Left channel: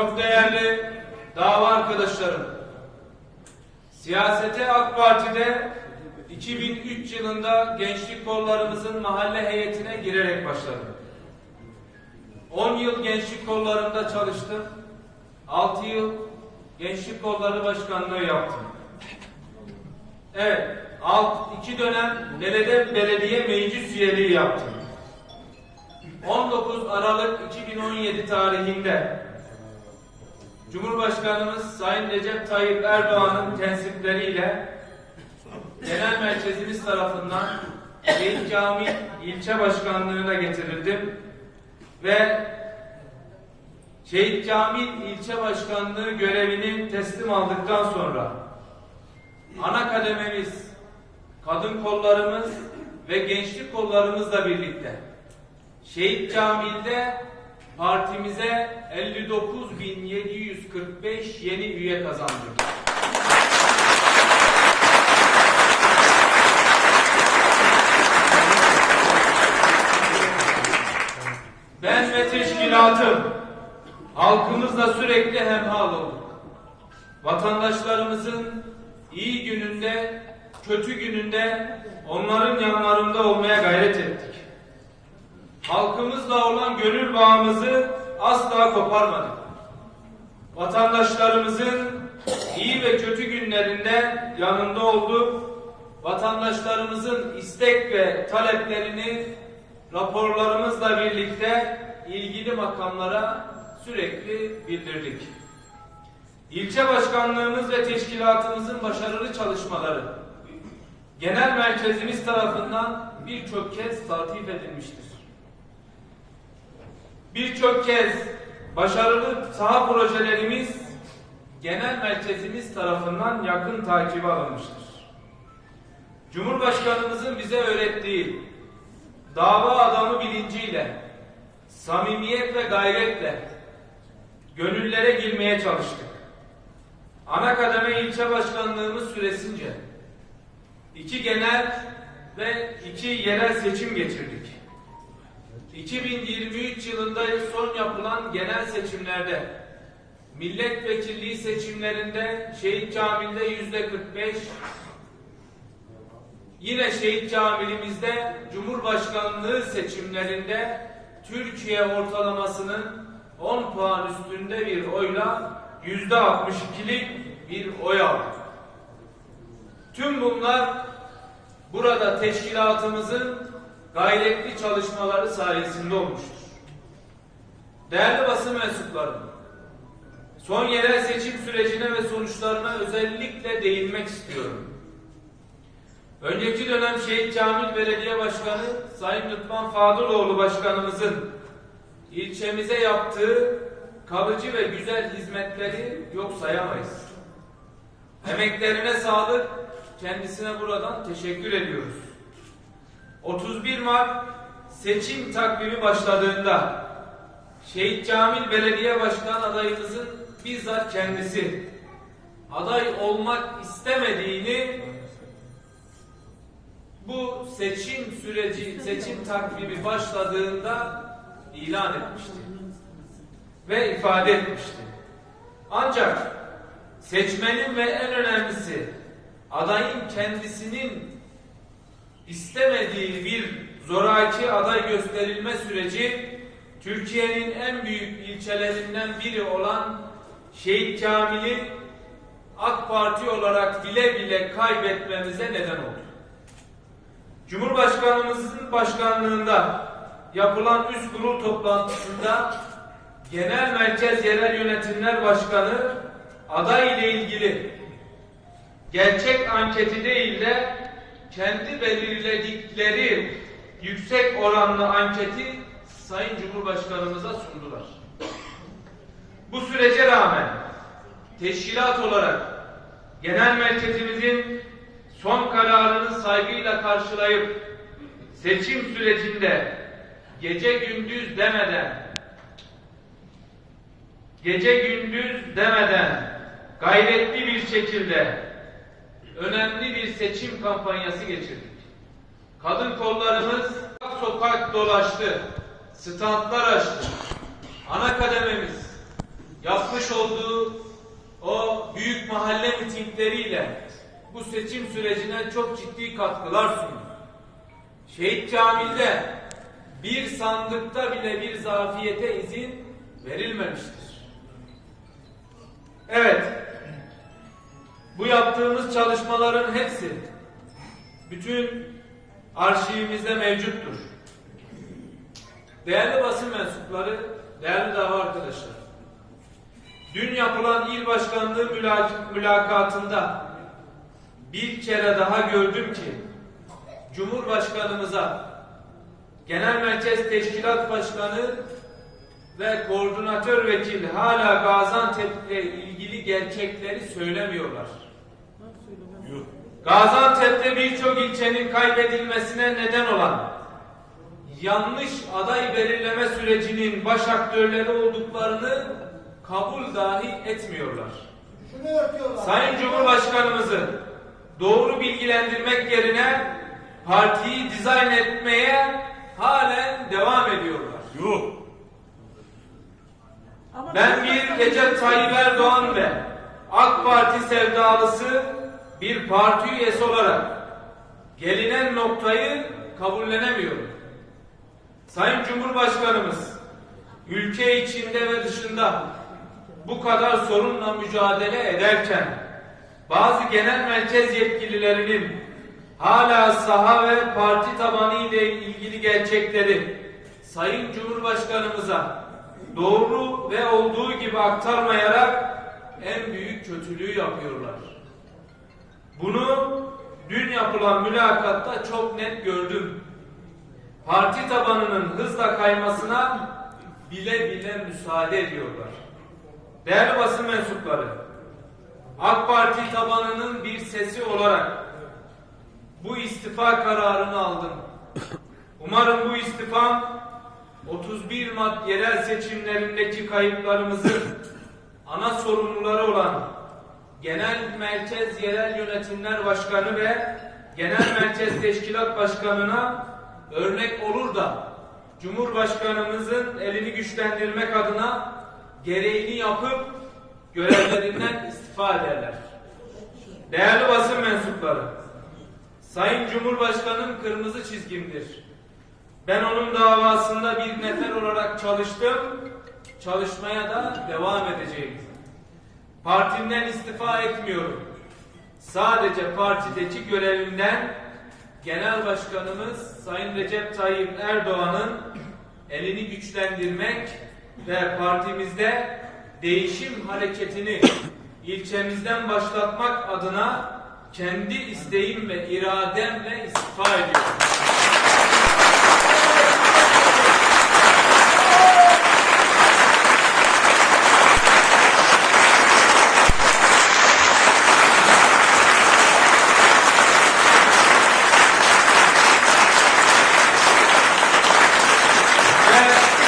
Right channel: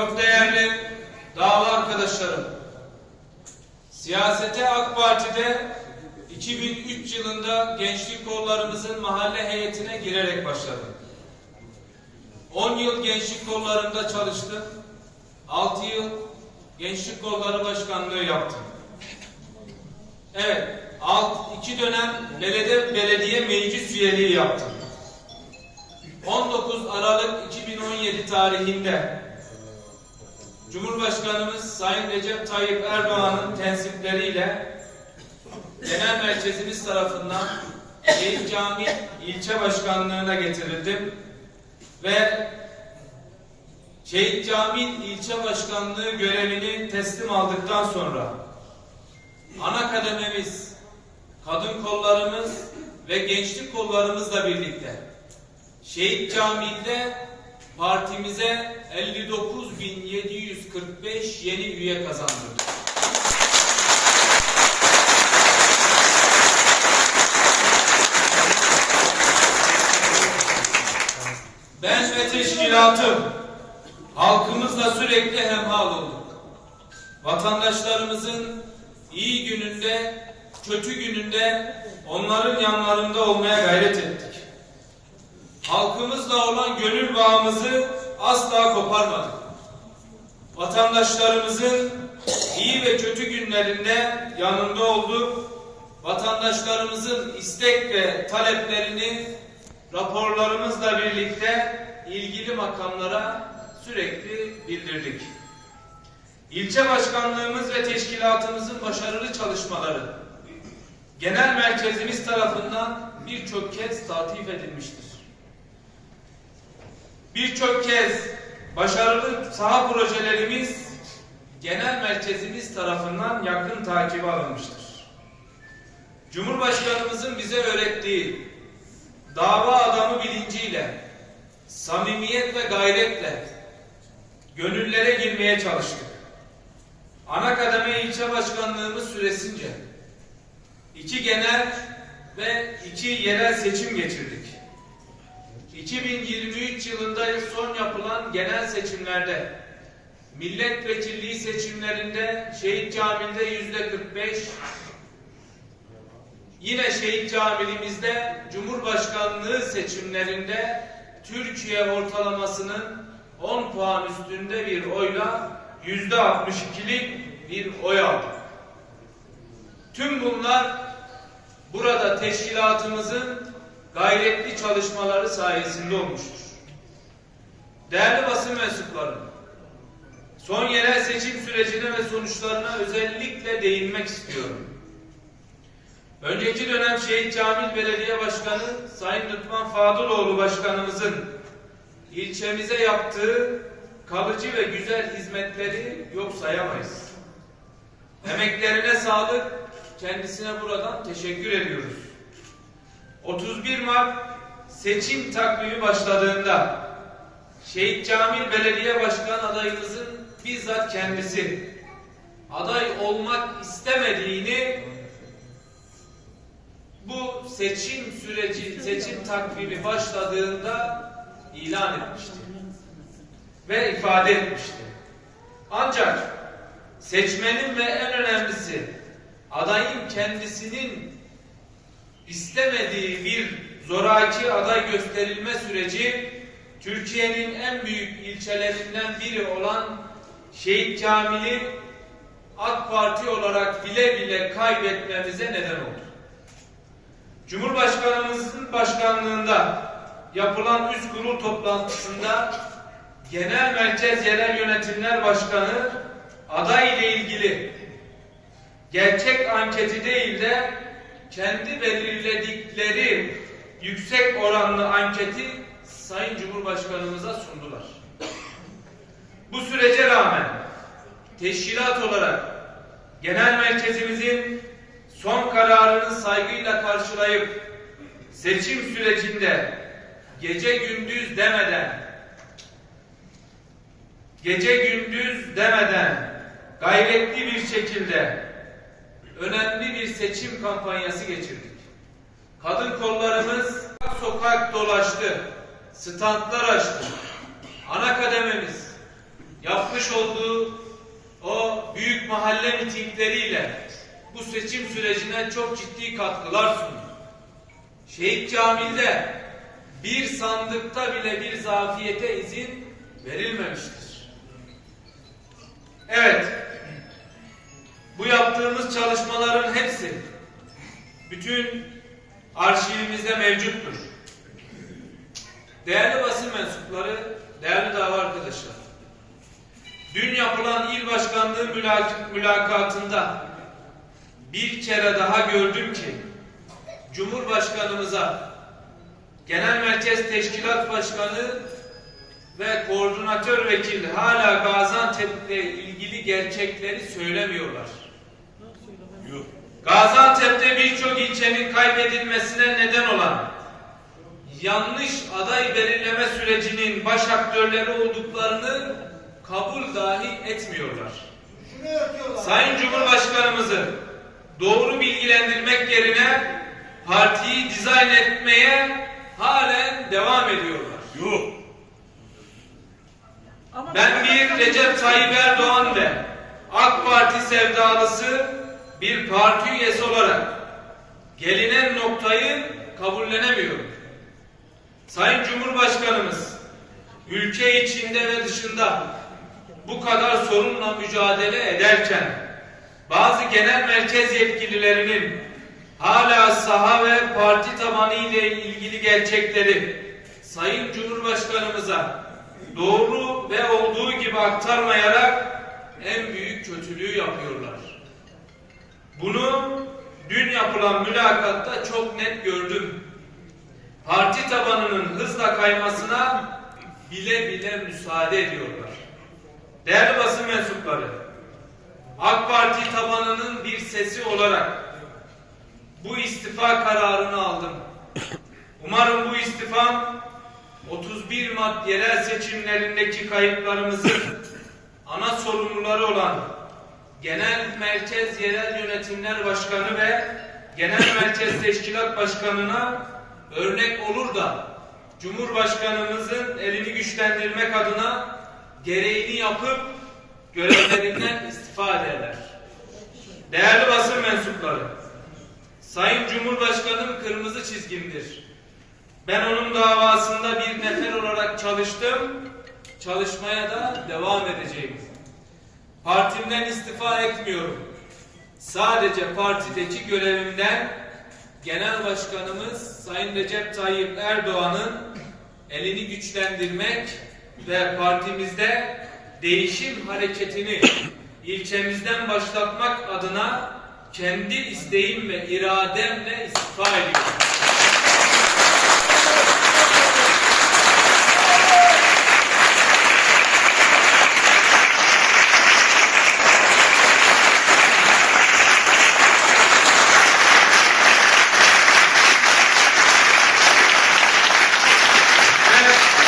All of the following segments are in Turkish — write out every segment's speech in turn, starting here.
Çok değerli dava arkadaşlarım. Siyasete AK Parti'de 2003 yılında gençlik kollarımızın mahalle heyetine girerek başladım. 10 yıl gençlik kollarında çalıştım. 6 yıl gençlik kolları başkanlığı yaptım. Evet, alt iki dönem belediye belediye meclis üyeliği yaptım. 19 Aralık 2017 tarihinde Cumhurbaşkanımız Sayın Recep Tayyip Erdoğan'ın tensipleriyle Genel Merkezimiz tarafından Şehit Cami ilçe başkanlığına getirildim ve Şehit Cami ilçe başkanlığı görevini teslim aldıktan sonra ana kadememiz, kadın kollarımız ve gençlik kollarımızla birlikte Şehit Camii'nde partimize 59.745 yeni üye kazandırdık. Ben ve teşkilatım halkımızla sürekli hemhal olduk. Vatandaşlarımızın iyi gününde, kötü gününde onların yanlarında olmaya gayret ettik. Halkımızla olan gönül bağımızı asla koparmadık. Vatandaşlarımızın iyi ve kötü günlerinde yanında olduk. Vatandaşlarımızın istek ve taleplerini raporlarımızla birlikte ilgili makamlara sürekli bildirdik. İlçe başkanlığımız ve teşkilatımızın başarılı çalışmaları genel merkezimiz tarafından birçok kez takip edilmiştir. Birçok kez başarılı saha projelerimiz genel merkezimiz tarafından yakın takibe alınmıştır. Cumhurbaşkanımızın bize öğrettiği dava adamı bilinciyle, samimiyet ve gayretle gönüllere girmeye çalıştık. Ana kademe ilçe başkanlığımız süresince iki genel ve iki yerel seçim geçirdik. 2023 yılında son yapılan genel seçimlerde milletvekilliği seçimlerinde Şehit Camii'nde yüzde 45 yine Şehit Camii'mizde Cumhurbaşkanlığı seçimlerinde Türkiye ortalamasının 10 puan üstünde bir oyla yüzde 62'lik bir oy aldık. Tüm bunlar burada teşkilatımızın gayretli çalışmaları sayesinde olmuştur. Değerli basın mensupları, son yerel seçim sürecine ve sonuçlarına özellikle değinmek istiyorum. Önceki dönem Şehit Camil Belediye Başkanı Sayın Lütfan Fadıloğlu Başkanımızın ilçemize yaptığı kalıcı ve güzel hizmetleri yok sayamayız. Emeklerine sağlık, kendisine buradan teşekkür ediyoruz. 31 Mart seçim takvimi başladığında Şehit Camil Belediye Başkan adayımızın bizzat kendisi aday olmak istemediğini bu seçim süreci, seçim takvimi başladığında ilan etmişti ve ifade etmişti. Ancak seçmenin ve en önemlisi adayın kendisinin istemediği bir zoraki aday gösterilme süreci Türkiye'nin en büyük ilçelerinden biri olan Şehit Kamil'i AK Parti olarak bile bile kaybetmemize neden oldu. Cumhurbaşkanımızın başkanlığında yapılan üst kurul toplantısında Genel Merkez Yerel Yönetimler Başkanı aday ile ilgili gerçek anketi değil de kendi belirledikleri yüksek oranlı anketi Sayın Cumhurbaşkanımıza sundular. Bu sürece rağmen teşkilat olarak genel merkezimizin son kararını saygıyla karşılayıp seçim sürecinde gece gündüz demeden gece gündüz demeden gayretli bir şekilde önemli bir seçim kampanyası geçirdik. Kadın kollarımız sokak dolaştı, standlar açtı. Ana kadememiz, yapmış olduğu o büyük mahalle mitingleriyle bu seçim sürecine çok ciddi katkılar sundu. Şehit Kamil'de bir sandıkta bile bir zafiyete izin verilmemiştir. Evet, bu yaptığımız çalışmaların hepsi bütün arşivimizde mevcuttur. Değerli basın mensupları, değerli dava arkadaşlar, dün yapılan il başkanlığı mülak- mülakatında bir kere daha gördüm ki Cumhurbaşkanımıza Genel Merkez Teşkilat Başkanı ve koordinatör vekil hala Gaziantep'le ilgili gerçekleri söylemiyorlar. Gaziantep'te birçok ilçenin kaybedilmesine neden olan yanlış aday belirleme sürecinin baş aktörleri olduklarını kabul dahi etmiyorlar. Sayın Cumhurbaşkanımızı doğru bilgilendirmek yerine partiyi dizayn etmeye halen devam ediyorlar. Yok. Ama Ben bir Recep Tayyip Erdoğan ve AK Parti sevdalısı bir parti üyesi olarak gelinen noktayı kabullenemiyorum. Sayın Cumhurbaşkanımız ülke içinde ve dışında bu kadar sorunla mücadele ederken bazı genel merkez yetkililerinin hala saha ve parti tabanı ile ilgili gerçekleri Sayın Cumhurbaşkanımıza doğru ve olduğu gibi aktarmayarak en büyük kötülüğü yapıyorlar. Bunu dün yapılan mülakatta çok net gördüm. Parti tabanının hızla kaymasına bile bile müsaade ediyorlar. Değerli basın mensupları, AK Parti tabanının bir sesi olarak bu istifa kararını aldım. Umarım bu istifam 31 Mart yerel seçimlerindeki kayıplarımızın ana sorumluları olan Genel Merkez Yerel Yönetimler Başkanı ve Genel Merkez Teşkilat Başkanı'na örnek olur da Cumhurbaşkanımızın elini güçlendirmek adına gereğini yapıp görevlerinden istifa ederler. Değerli basın mensupları, Sayın Cumhurbaşkanım kırmızı çizgimdir. Ben onun davasında bir nefer olarak çalıştım, çalışmaya da devam edeceğim. Partimden istifa etmiyorum. Sadece partideki görevimden Genel Başkanımız Sayın Recep Tayyip Erdoğan'ın elini güçlendirmek ve partimizde değişim hareketini ilçemizden başlatmak adına kendi isteğim ve irademle istifa ediyorum. Ben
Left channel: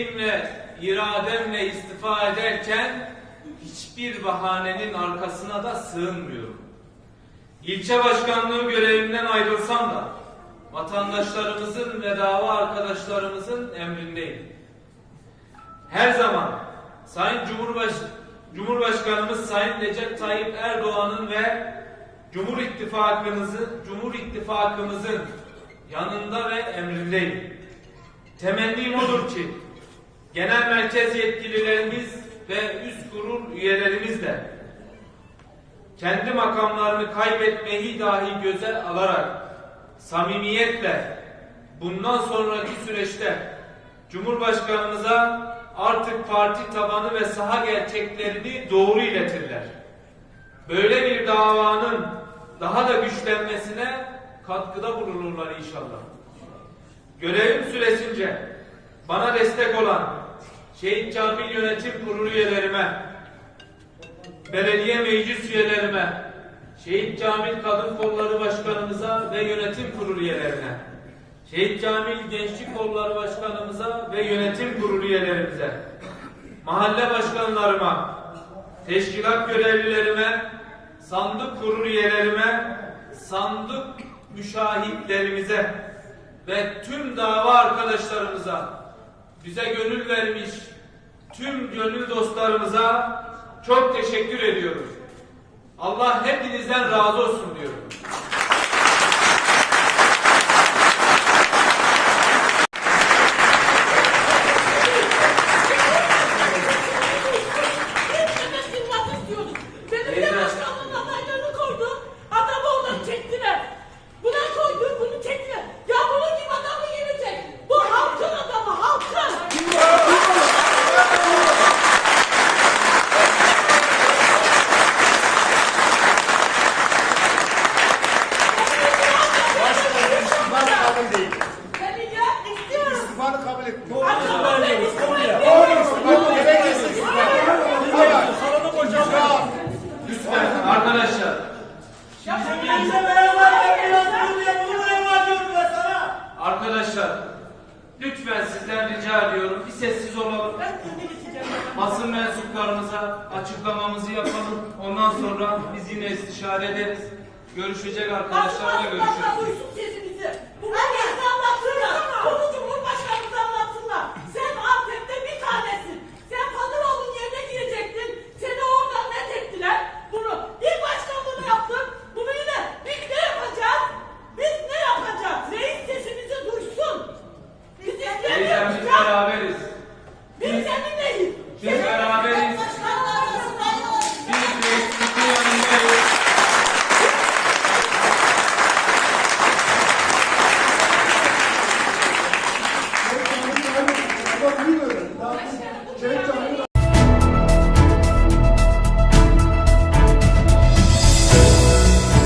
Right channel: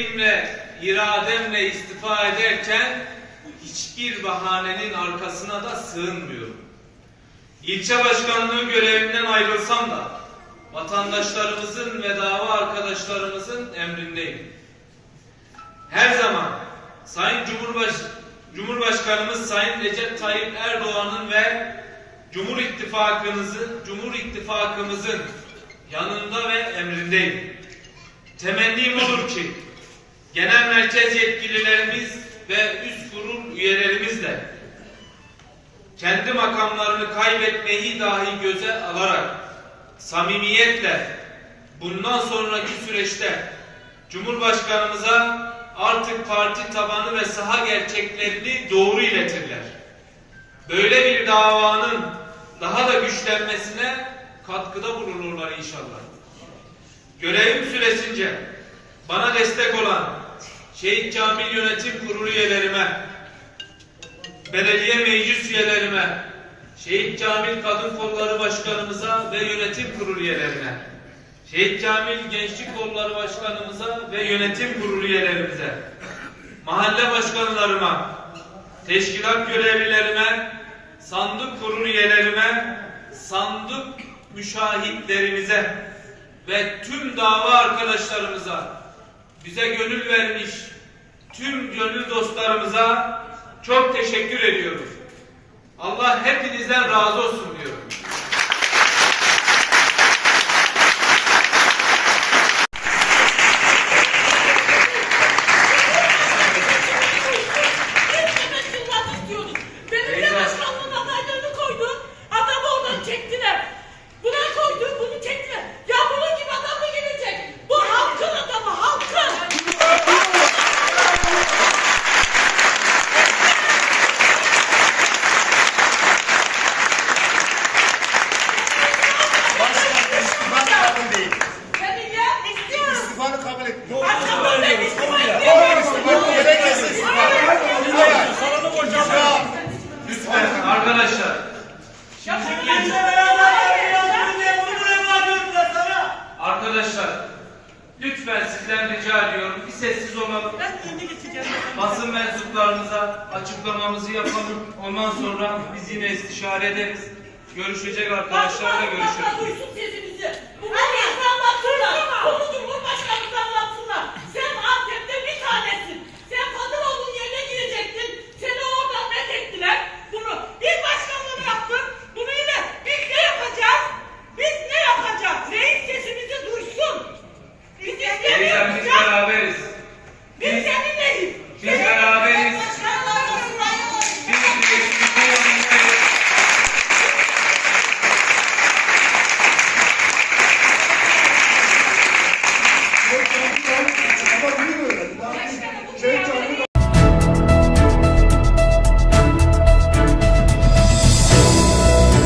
isteğimle, irademle istifa ederken hiçbir bahanenin arkasına da sığınmıyorum. İlçe başkanlığı görevimden ayrılsam da vatandaşlarımızın ve dava arkadaşlarımızın emrindeyim. Her zaman Sayın Cumhurbaş Cumhurbaşkanımız Sayın Recep Tayyip Erdoğan'ın ve Cumhur İttifakımızın Cumhur İttifakımızın yanında ve emrindeyim. Temennim odur ki genel merkez yetkililerimiz ve üst kurul üyelerimizle kendi makamlarını kaybetmeyi dahi göze alarak samimiyetle bundan sonraki süreçte Cumhurbaşkanımıza artık parti tabanı ve saha gerçeklerini doğru iletirler. Böyle bir davanın daha da güçlenmesine katkıda bulunurlar inşallah. Görevim süresince bana destek olan Şehit Kamil Yönetim Kurulu üyelerime, belediye meclis üyelerime, Şehit Kamil Kadın Kolları Başkanımıza ve yönetim kurulu üyelerine, Şehit Kamil Gençlik Kolları Başkanımıza ve yönetim kurulu üyelerimize, mahalle başkanlarıma, teşkilat görevlilerime, sandık kurulu üyelerime, sandık müşahitlerimize ve tüm dava arkadaşlarımıza bize gönül vermiş, tüm gönül dostlarımıza çok teşekkür ediyorum. Allah hepinizden razı olsun diyorum. Sizden rica ediyorum bir sessiz olalım. Basın mensuplarımıza açıklamamızı yapalım. Ondan sonra biz yine istişare ederiz. Görüşecek arkadaşlarla görüşürüz. Duysun sesimizi. Bunlar insanlar duysun. Bunu